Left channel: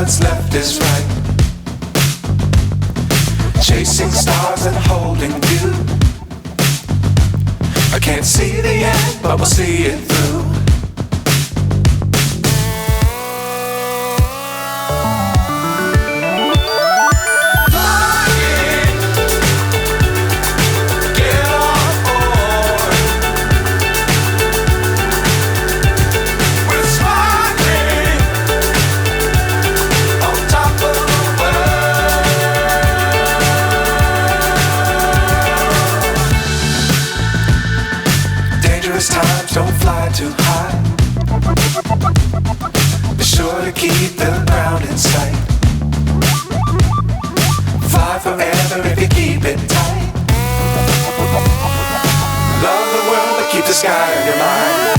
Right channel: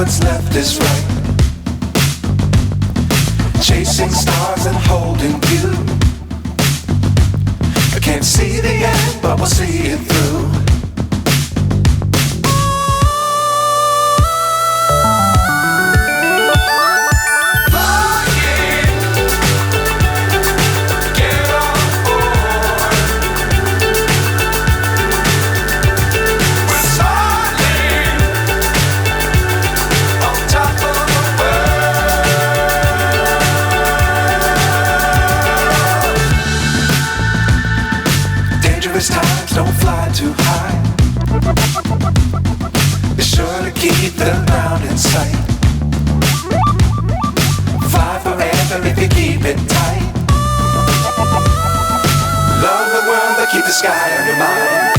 what's left is right. Chasing stars and holding you. I can't see the end, but we'll see it through. Times don't fly too high. Be sure to keep the ground in sight. Fly forever if you keep it tight. Love the world but keep the sky on your mind.